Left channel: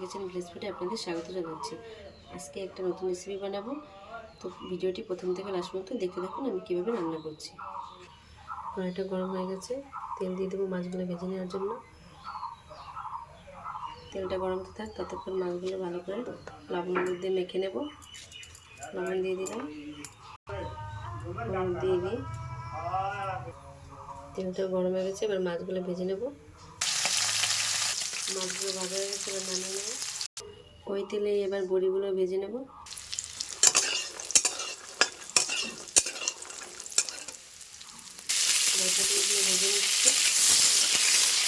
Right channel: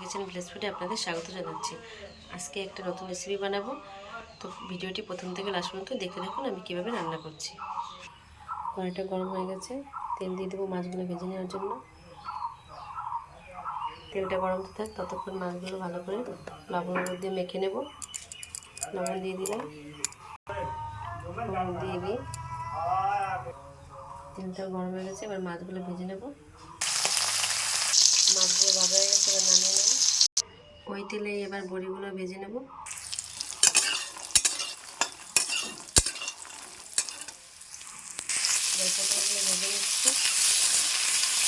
Kitchen village ফুডে আপনাদের স্বাগত জানাচ্ছি। আজকে একটা নতুন রেসিপি বানাবো, তো ভিডিওটি প্রথম থেকে লাস্ট পর্যন্ত দেখতে থাকুন আমি কীভাবে রান্না করছি। কড়াইটা গরম হয়ে গেছে, তেল দিয়ে দেবো মাছগুলো ভেজে নেওয়ার জন্য। তেলটা গরম থাক ততক্ষণ মাছগুলো ভালো করে লবণ দিয়ে মেখে নেব। লবণ দিয়ে দিলাম, হলুদ দিয়ে দিই। তেলটা গরম হয়ে গেছে, এবার মাছগুলো ভেজে নেব। মাছগুলো ভাজা হয়ে গেছে, এবার নামিয়ে নেব। ওই তেলে এবার বড়িগুলো ভেজে নেব। বড়িগুলো ভেজে নিচ্ছি,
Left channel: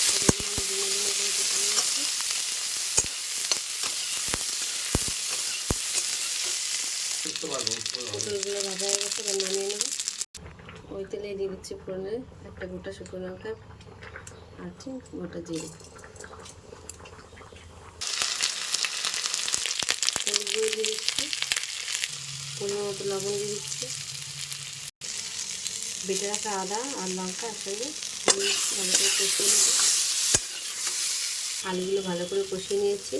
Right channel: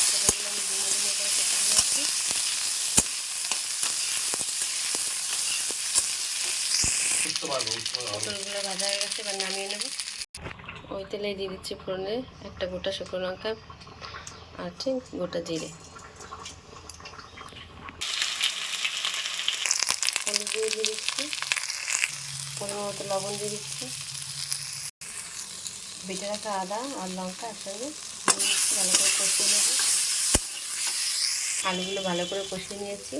সেটাগুলো আমি ডিমে ডিমে করে কেটে নিয়েছি। পটলগুলো ভাজা হয়ে গেছে, এবার নামিয়ে নেব। ওই তেলে দিয়ে দিচ্ছি ফোড়নে একটা গোটা শুকনো লঙ্কা আর ঠিক গোটা জিরে। হলুদ দিয়ে দিচ্ছি, পরিমাণ মতো লবণ দিয়ে দিচ্ছি। বেটে রাখা আদা আর লঙ্কা একসঙ্গে দিয়ে দিচ্ছি, ভালো করে কষিয়ে নেব। আলুগুলো ভালো করে কষিয়ে নিয়েছি,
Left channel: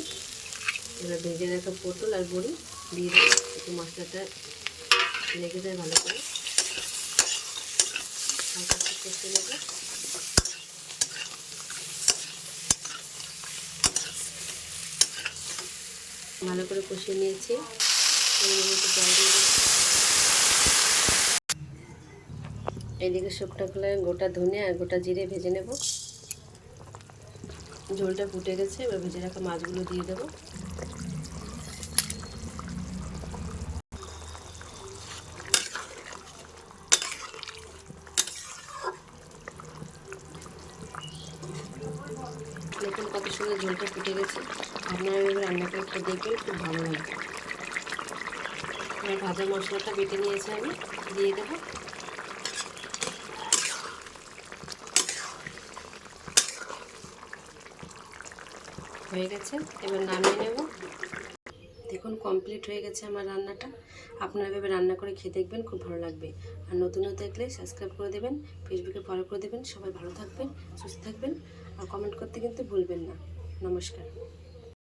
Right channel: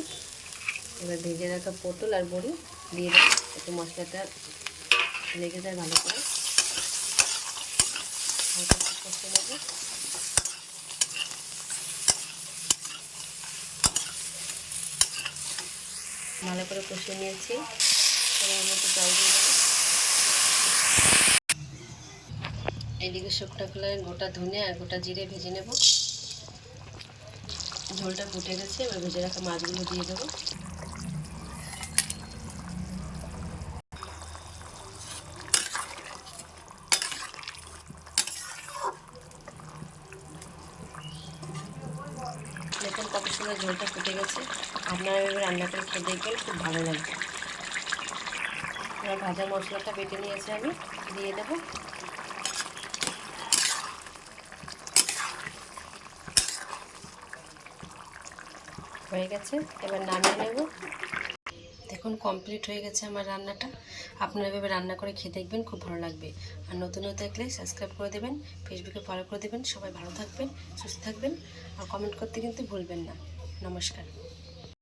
এবার ভেজে রাখা পটল আর বড়ি দিয়ে দেবো, একটু মশলাটা লেগে যায় ভালো করে। হালকা একটু কষিয়ে নেব। ভালো করে কষিয়ে নিয়েছি, পরিমাণ মতো জল দিয়ে দেবো। এইদিকে শুকনো খোলায় গোটা ধনে আর গোটা জিরে ভেজে নেব। ঝোলটা ফুটে গেছে, এবার ভেজে রাখা মাছগুলো দিয়ে দেবো। দেখুন কত সুন্দর ঝোলটা ফুটে গেছে। আপনারা এভাবে রান্না করে খেয়ে দেখবেন, খুব ভালো লাগবে। এবার ভাজা মশলাটা বেটে নিয়েছি, আমি দিয়ে দেবো। হয়ে গেছে, এবার নামিয়ে নেব। দেখুন কমপ্লিট হয়ে গেছে আমার রান্নাটা। আপনারা এভাবে রান্না করে খেয়ে দেখবেন, খুব ভালো লাগবে। আর নতুন দেখলে সাবস্ক্রাইব করে দেবেন, ফেসবুকে ফলো করে দেবেন। সবাই ভালো থাকবেন, সুস্থ থাকবেন, আর কমেন্ট করতে কিন্তু ভুলবেন না। নমস্কার।